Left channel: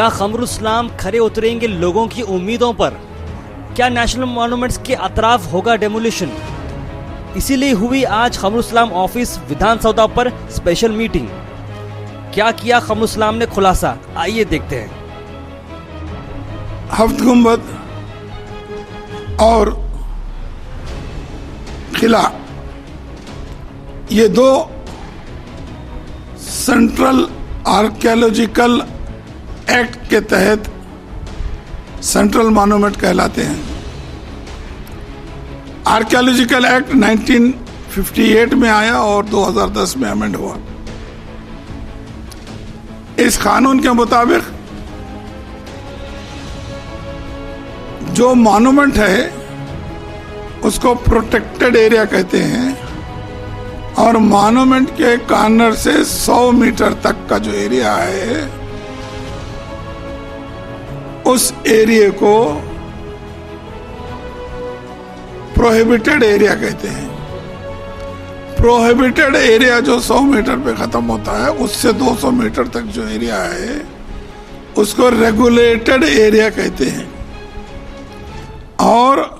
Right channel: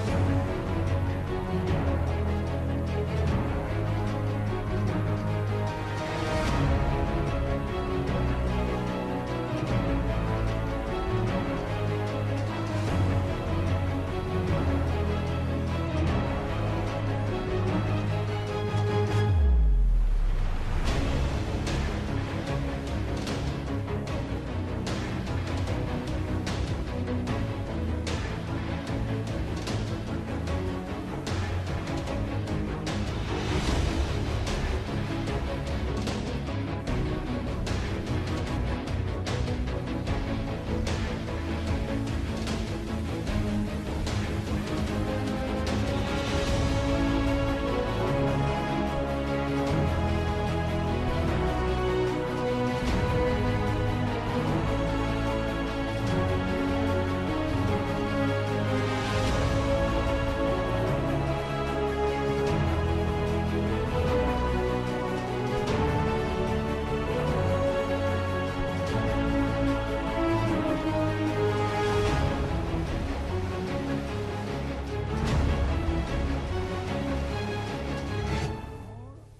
क्या खमरुल इस्लाम खरे उतरेंगे लोगों की उम्मीदों पर? क्या नेशनल मॉन्यूमेंट्स के अतराफ होगा डेमोलिशन? इसीलिए हुई आज खमरुल इस्लाम ऑफिस विधानसभा पर स्पेशल मीटिंग। क्या किया खमरुल इस्लाम ने खुलासा, आइए देखते हैं। हफ्त गुंबद और किला, ये दो सेंट्रल आर्कियोलॉजिकल एक्ट के तहत सेंट्रल मॉन्यूमेंट कहलाते हैं। आर्कियोलॉजिकल एक्ट 1958 में आया और 2010 में अमेंड हुआ। इस कानून के मुताबिक जो मॉन्यूमेंट है उसको प्रोटेक्टेड एरिया कहते हैं और मॉन्यूमेंट के कॉर्नर से 100 मीटर तक का जो एरिया है उस एरिया को प्रोहिबिटेड एरिया कहते हैं। प्रोहिबिटेड एरिया जो 100 मीटर पे खत्म होता है, उससे 200 मीटर तक जो एरिया है उसको रेगुलेटेड एरिया कहते हैं। और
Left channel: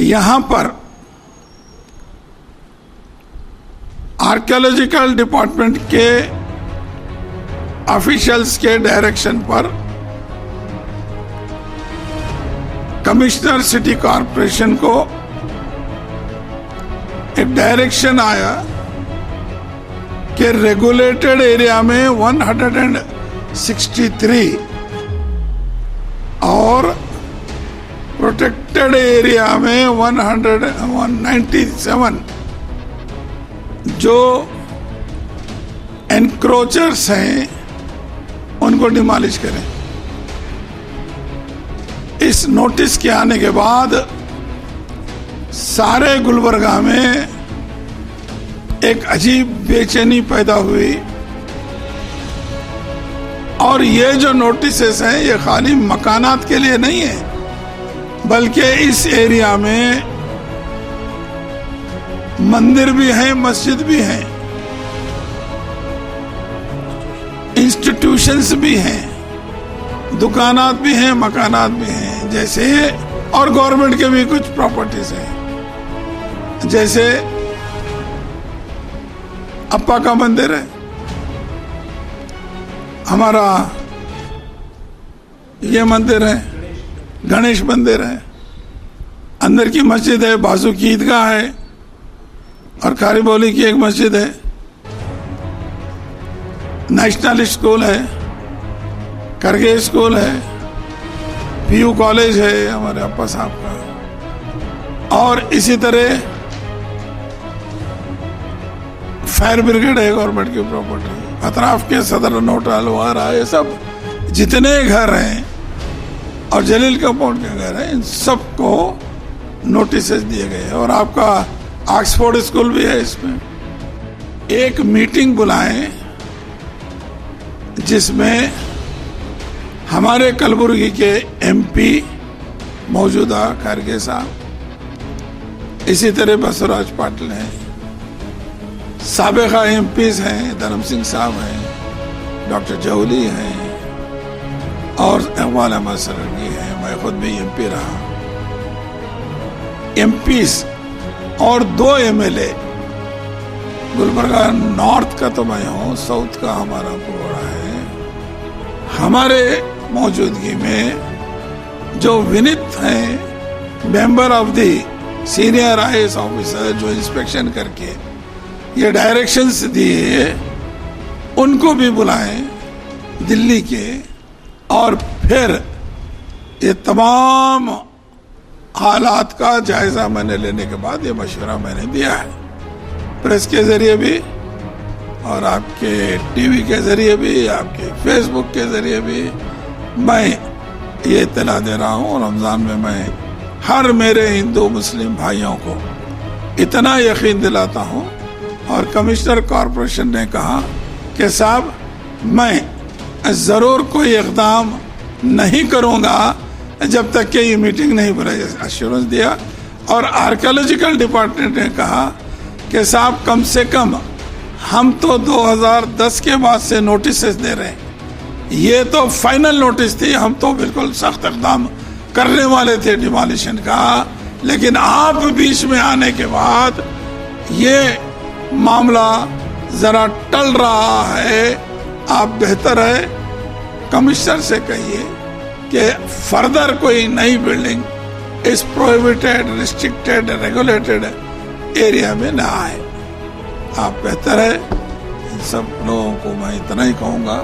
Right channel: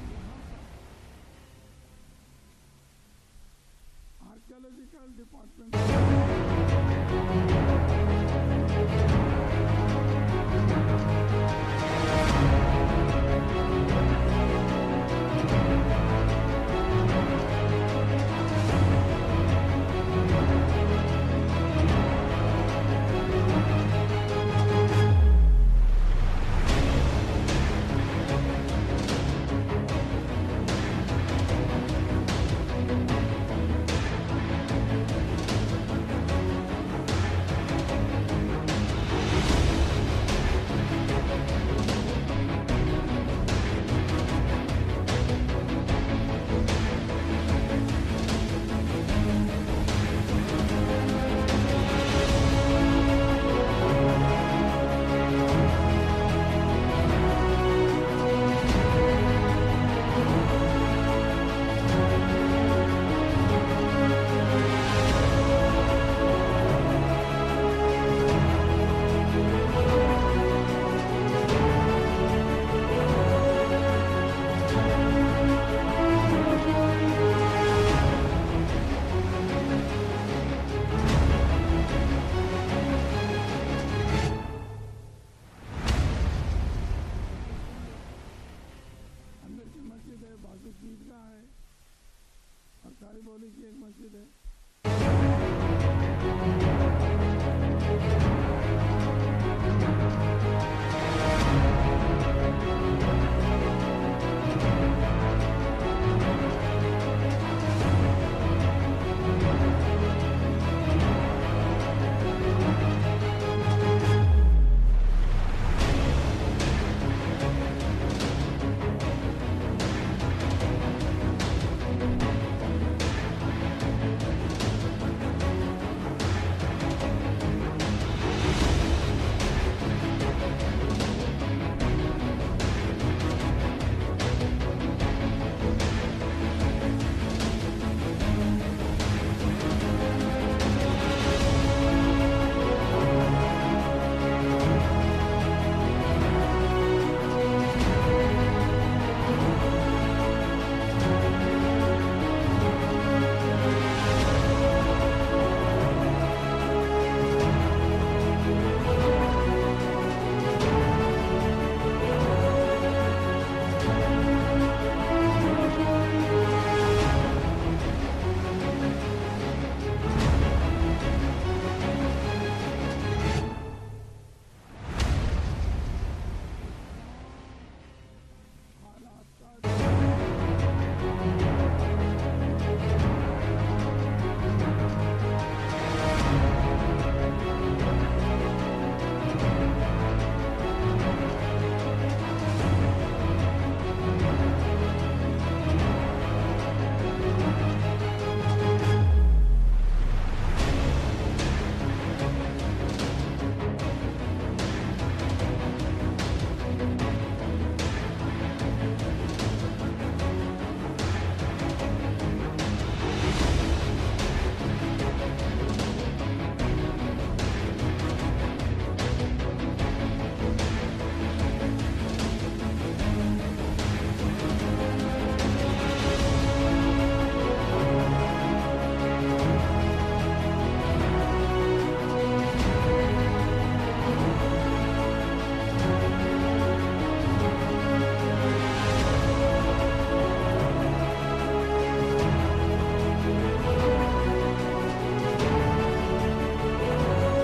यहां पर आर्कियोलॉजिकल डिपार्टमेंट के ऑफिशियल्स के डायरेक्शन पर कमिश्नर सिटी कॉरपोरेशन को एक डायरेक्शन आया कि रेगुलेटेड एरिया में 163 और प्रोटेक्टेड एरिया में 197 जो एनक्रोचर्स हैं उनको डिमॉलिश करें। इस नोटिस के आने के बाद सारे गुलबर्गा में एक अजीब बेचैनी पैदा हुई और ये जो नोटिसेस हैं ये खाली मकानात के लिए नहीं है, बल्कि इस एरिया में मंदिर भी हैं, मस्जिद भी हैं, इंस्टीट्यूशंस भी हैं, दुकानात भी हैं, मकानात भी हैं, जैसे और गवर्नमेंट के भी कुछ प्रॉपर्टीज हैं। जैसे अप्पा का मंदिर है, हमारा ये मंदिर है, गणेश मंदिर है, अंदर की मस्जिद है, बाजू की ईदगाह है और खारीबोली की एक मस्जिद है, नेशनल स्कूल है, करगे स्कूल है, पीयू कॉलेज है हमारे अप्पा साहब का, और इसी तरह फायर ब्रिगेड है गवर्नमेंट की प्रॉपर्टी, अतराफ के सदर नोटा लोहारा, ये सब जितने घर हैं और जलील कंपाउंड के घर हैं इन सबको नोटिसेस दिए गए। और आपका ऑक्सफोर्ड स्कूल भी है, इसमें एक मीटिंग बुलाएं जिसमें हमारे कलबुर्गी के एमपी मौजूदा खरगे साहब, इसी तरह बसवराज पाटिल हैं, साबिका एमपीज हैं, धर्म सिंह साहब हैं, डॉक्टर जौली हैं और इकबाल अहमद सरवी हैं, मैं खुद भी एमपी रहा, एमपीज और 2 एमएलए, गुलबर्गा नॉर्थ का तो मैं हूँ, साउथ का हमारा पूरा है। हमारे मौजूदगी में जो विनीत हैं, member of the senior IAS officer, जो इंस्पेक्शन करके ये डायरेक्शंस दिए, उनको भी बुलाएं दिल्ली के, और फिर ये तमाम हालात का जायजा मैंने लेने के बाद ये मशवरा मैंने दिया है, प्रेस के जरिए भी और आपके टीवी के जरिए भी, आपके फेसबुक के जरिए भी मैं ये इत्तला दे रहा हूँ। रमजान में मैं हर मेरे हिंदू मुस्लिम भाइयों को इतना यकीन दिलाता हूँ, और कमिश्नर कॉरपोरेशन ने कहा कि साहब मैं जरूर कोई इक़दाम नहीं करूँगा जब तक कि ये मीटिंग नहीं बुलाई, एश्योरेंस दिया। और आर्कियोलॉजिकल डिपार्टमेंट ने कहा कि साहब कम से कम हम तो 2010 के बाद से नोटिस दे रहे हैं ये तो फाइनल नोटिस थी, हम तो बिल्कुल सख्त इक़दाम करने वाले थे डिमोलिशन का, लेकिन आप बीच में आने के बाद ये मामला जरा टल रहा है। आप बेहतर है कमिश्नर से कहिए कि फर्दर कोई नई बिल्डिंग इस प्रोहिबिटेड, रिस्ट्रिक्टेड, रेगुलेटेड एरिया में ना आए। आप बेहतर है, इन सब लोगों को मैं इतना ही कहूँगा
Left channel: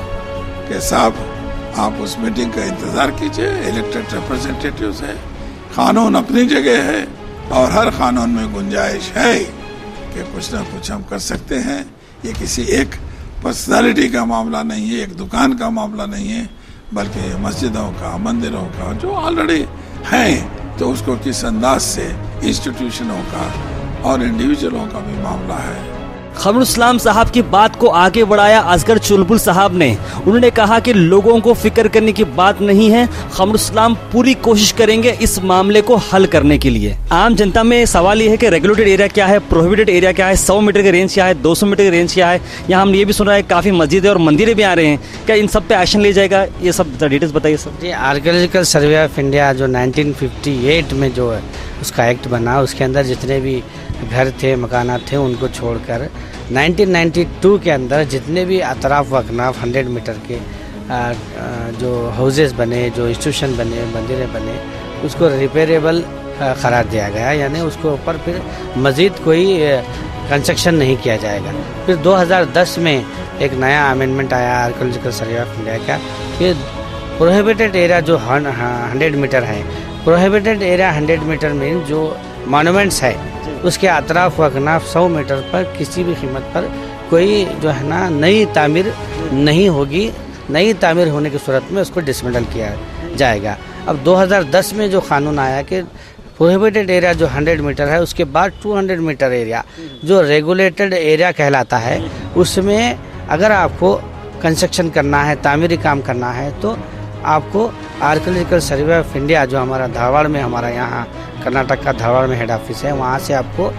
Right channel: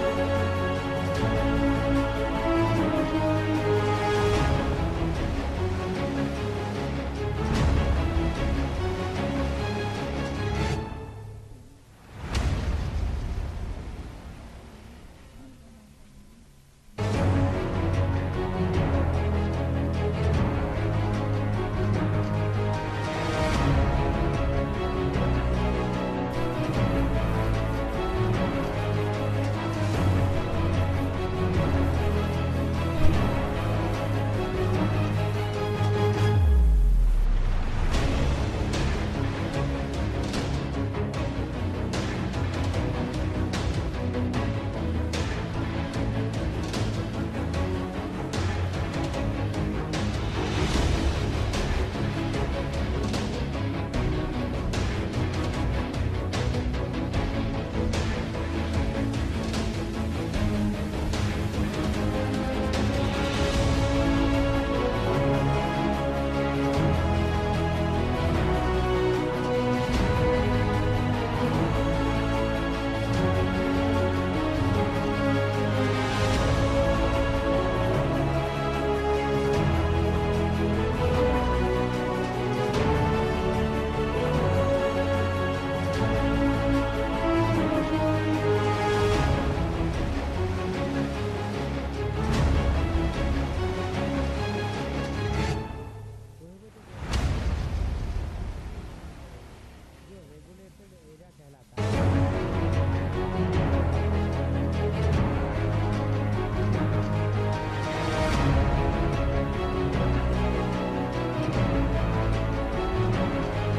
कि साहब आप उस मीटिंग का इंतज़ार कीजिए। इलेक्टेड रिप्रेजेंटेटिव्स है, कानून अपनी जगह है और हर कानून में गुंजाइश है कि कुछ ना कुछ हम कर सकते हैं। ये किसी एक पर्सनालिटी का मामला नहीं है, एक दुकान का मामला नहीं है, बल्कि मस्जिदों का, मंदिरों का जो ऑलरेडी हैं, तो उसको किस अंदाज से इंस्टीट्यूशनों का और इंडिविजुअलों का भी मामला है। खमरुल इस्लाम साहब की बात को आगे बढ़ाया असगर चुलबुल साहब ने। उन्होंने कहा कि लोगों को फिक्र करने की बात नहीं है, खमरुल इस्लाम पूरी कोशिश करेंगे इस मामले को हल करने के लिए। आम जनता में सवाल ये है कि रेगुलेटेड एरिया क्या है, प्रोहिबिटेड एरिया क्या है, 100 मीटर की रेंज क्या है, 200 मीटर की रेंज क्या है। यहाँ हम ये भी सुन रहे हैं काफ़ी मस्जिदें और मंदिरें भी आ रहे हैं, क्या इन सब पे एक्शन लिया जाएगा? ये सब डिटेल्स बताइए सर। जी, आर्कियोलॉजिकल सर्वे ऑफ इंडिया जो 1958 में जो है उसका एक्ट बना, उसके अंदर जितने भी घर थे, मकानात थे, उनको छोड़कर 1992 के अंदर जितने भी अतराफ व अकनाफ 100 मीटर के जो हाउसेस बने, जो इंस्टीट्यूशन बने, मंदिरें बने, उसको रिपेयरेबल करार दिया गया, यानी उसके ऊपर फिर मज़ीद कोई कंस्ट्रक्शन नहीं किया जाएगा। फिर 2010 में एक नया अमेंडमेंट आया आर्कियोलॉजिकल सर्वे ऑफ इंडिया का कि प्रोहिबिटेड एरिया जो 100 मीटर है, प्रोहिबिटेड एरिया 100 मीटर में जो मॉन्यूमेंट्स है उसके अतराफ व अकनाफ 100 मीटर पर किसी भी कीमत पर कोई जो है ना नई तामीर नहीं होगी। नई तामीर होने की सूरत में उसको डिसमेंटल किया जाएगा। अब 2010 में जो कानून आया कि प्रोहिबिटेड एरिया जो 100 मीटर है, उसके बाद 200 मीटर एरिया जो रेगुलेटेड एरिया कहलाता है, उसमें अगर आपको कंस्ट्रक्शन करना है, तामीरी काम करना है, तो आपको आर्कियोलॉजिकल सर्वे ऑफ इंडिया जो हमारा धारवाड़ में, हमारा यहाँ कर्नाटक का धारवाड़ में हेड ऑफिस है, वहाँ से आपको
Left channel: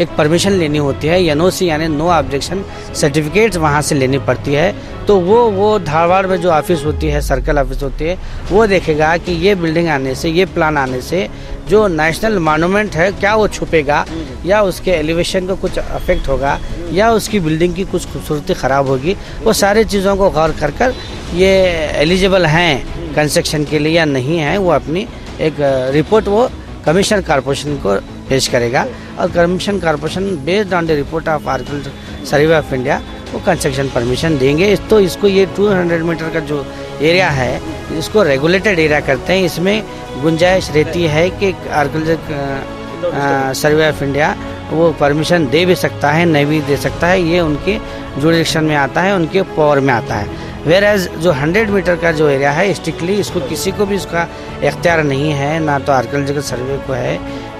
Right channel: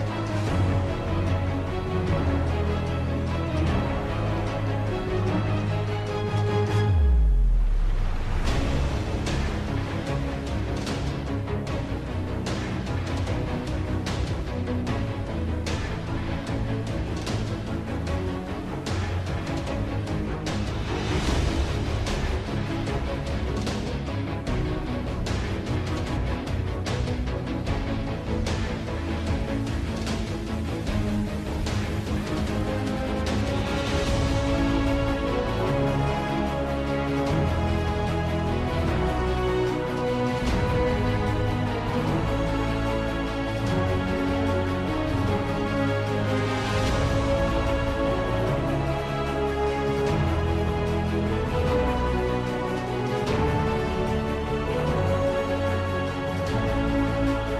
एक परमिशन लेनी होती है, NOC यानी नो ऑब्जेक्शन सर्टिफिकेट वहाँ से लेनी पड़ती है। तो वो धारवाड़ में जो ऑफिस होती है, सर्कल ऑफिस होती है, वो देखेगा कि ये बिल्डिंग आने से, ये प्लान आने से जो नेशनल मॉन्यूमेंट है क्या वो छुपेगा, या उसके एलिवेशन को कुछ अफेक्ट होगा, या उसकी बिल्डिंग की कुछ खूबसूरती ख़राब होगी। वो सारी चीज़ों को गौर कर ये एलिजिबल हैं कंस्ट्रक्शन के लिए या नहीं है, वो अपनी एक रिपोर्ट वो कमीशन कॉर्पोरेशन को पेश करेगा, और commission corporation based on the report of archaeological survey of India वो कंस्ट्रक्शन परमिशन देंगे। तो इसको ये 200 मीटर का जो एरिया है, इसको रेगुलेटेड एरिया करते हैं। इसमें गुंजाइश रहती है कि आर्कियोलॉजिकल सर्वे ऑफ इंडिया वो परमिशन दे भी सकता है, नहीं भी दे सकता है, ये उनके जुरिडिक्शन में आता है, उनके पावर में आता है। वेर एज जो 100 मीटर का जो एरिया है, स्ट्रिक्टली इसको किसी को भी इसका इख्तियार नहीं है, ना तो आर्कियोलॉजिकल सर्वे को है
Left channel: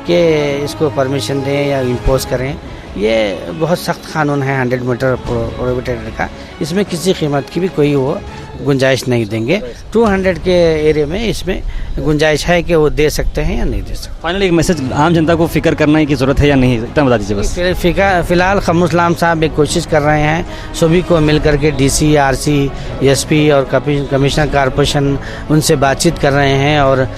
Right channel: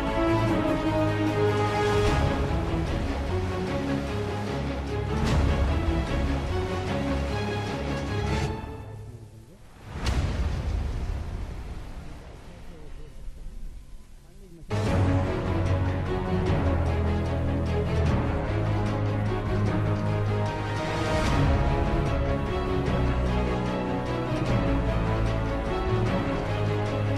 कि इसको परमिशन दें या इम्पोज करें। ये बहुत सख्त कानून है 100 मीटर प्रोहिबिटेड का, इसमें किसी कीमत की भी कोई वो गुंजाइश नहीं देंगे। 200 के एरिया में इसमें गुंजाइश है कि वो दे सकते हैं या नहीं दे सकते। फाइनली एक मैसेज आम जनता को फिक्र करने की ज़रूरत है या नहीं, इतना बता दीजिए बस। फ़िलहाल खमरुल इस्लाम साहब एक कोशिश कर रहे हैं सभी को मिल करके, DC, RC, SP और कमिश्नर कॉर्पोरेशन उनसे बातचीत कर रहे हैं, और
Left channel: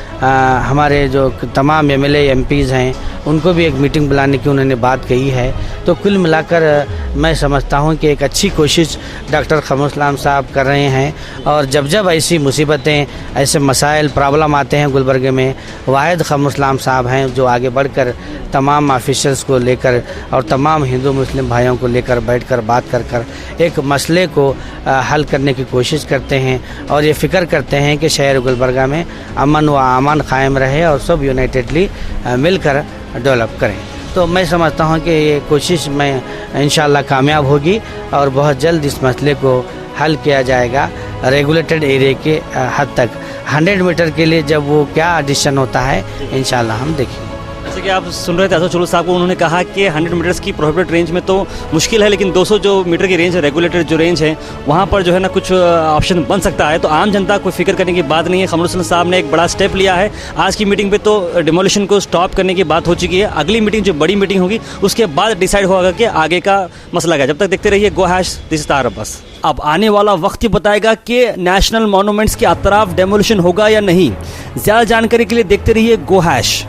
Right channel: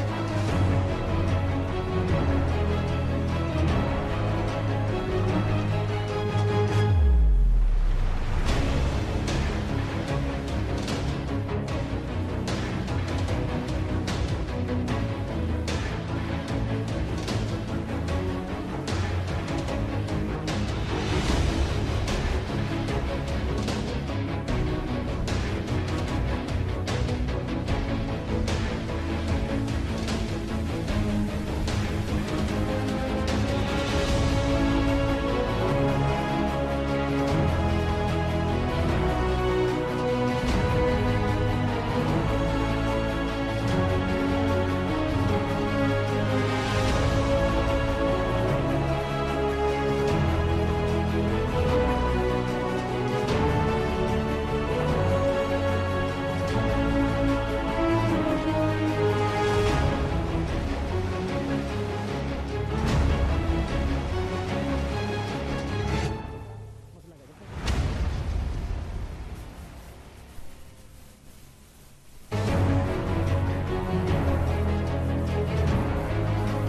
हमारे जो तमाम MLA MPs हैं उनको भी एक मीटिंग बुलाने की उन्होंने बात कही है। तो कुल मिलाकर मैं समझता हूँ कि एक अच्छी कोशिश डॉक्टर खमरुल इस्लाम साहब कर रहे हैं, और जब ऐसी मुसीबतें, ऐसे मसाइल, प्रॉब्लम आते हैं गुलबर्गे में, वाहिद खमरुल इस्लाम साहब हैं जो आगे बढ़कर तमाम ऑफिसर्स को लेकर और तमाम हिंदू मुस्लिम भाइयों को लेकर बैठकर बात कर एक मसले को हल करने की कोशिश करते हैं, और ये फ़िक्र करते हैं कि शहर गुलबर्गा में अमन व अमान कायम रहे और सब यूनाइटेडली मिलकर डेवलप करें। तो मैं समझता हूँ कि ये कोशिश में इंशाल्लाह कामयाब होगी, और बहुत जल्द इस मसले को हल किया जाएगा रेगुलेटेड एरिया के हद तक। 100 मीटर के लिए जब वो क्या डिसीजन होता है, इंशाल्लाह हम देखेंगे। जैसे कि आप सुन रहे थे असद चुलू साहब को, उन्होंने कहा कि 100 मीटर्स की प्रोहिबिटेड रेंज में तो मुश्किल है, लेकिन 200 जो मीटर की रेंज है, रेगुलेटेड जो रेंज है, वहाँ पर जो है ना कुछ ऑप्शन बन सकता है। तो आम जनता को फिक्र करने की बात नहीं है। कमरुल हसन साहब ने एक बड़ा स्टेप लिया है। आज की मीटिंग पे तो डिमोलिशन को स्टॉप करने की बात हो चुकी है। अगली मीटिंग जो बड़ी मीटिंग होगी उसके बाद डिसाइड होगा कि आगे का मसला क्या। जब तक देखते रहिए गो हैश दिस तार अब्बास। अब आने वाला वक्त ही बताएगा कि नेशनल मॉन्यूमेंट्स के अतराफ डेमोलिशन होगा या नहीं। ज़्यादा जानकारी के लिए देखते रहिए गो हैश।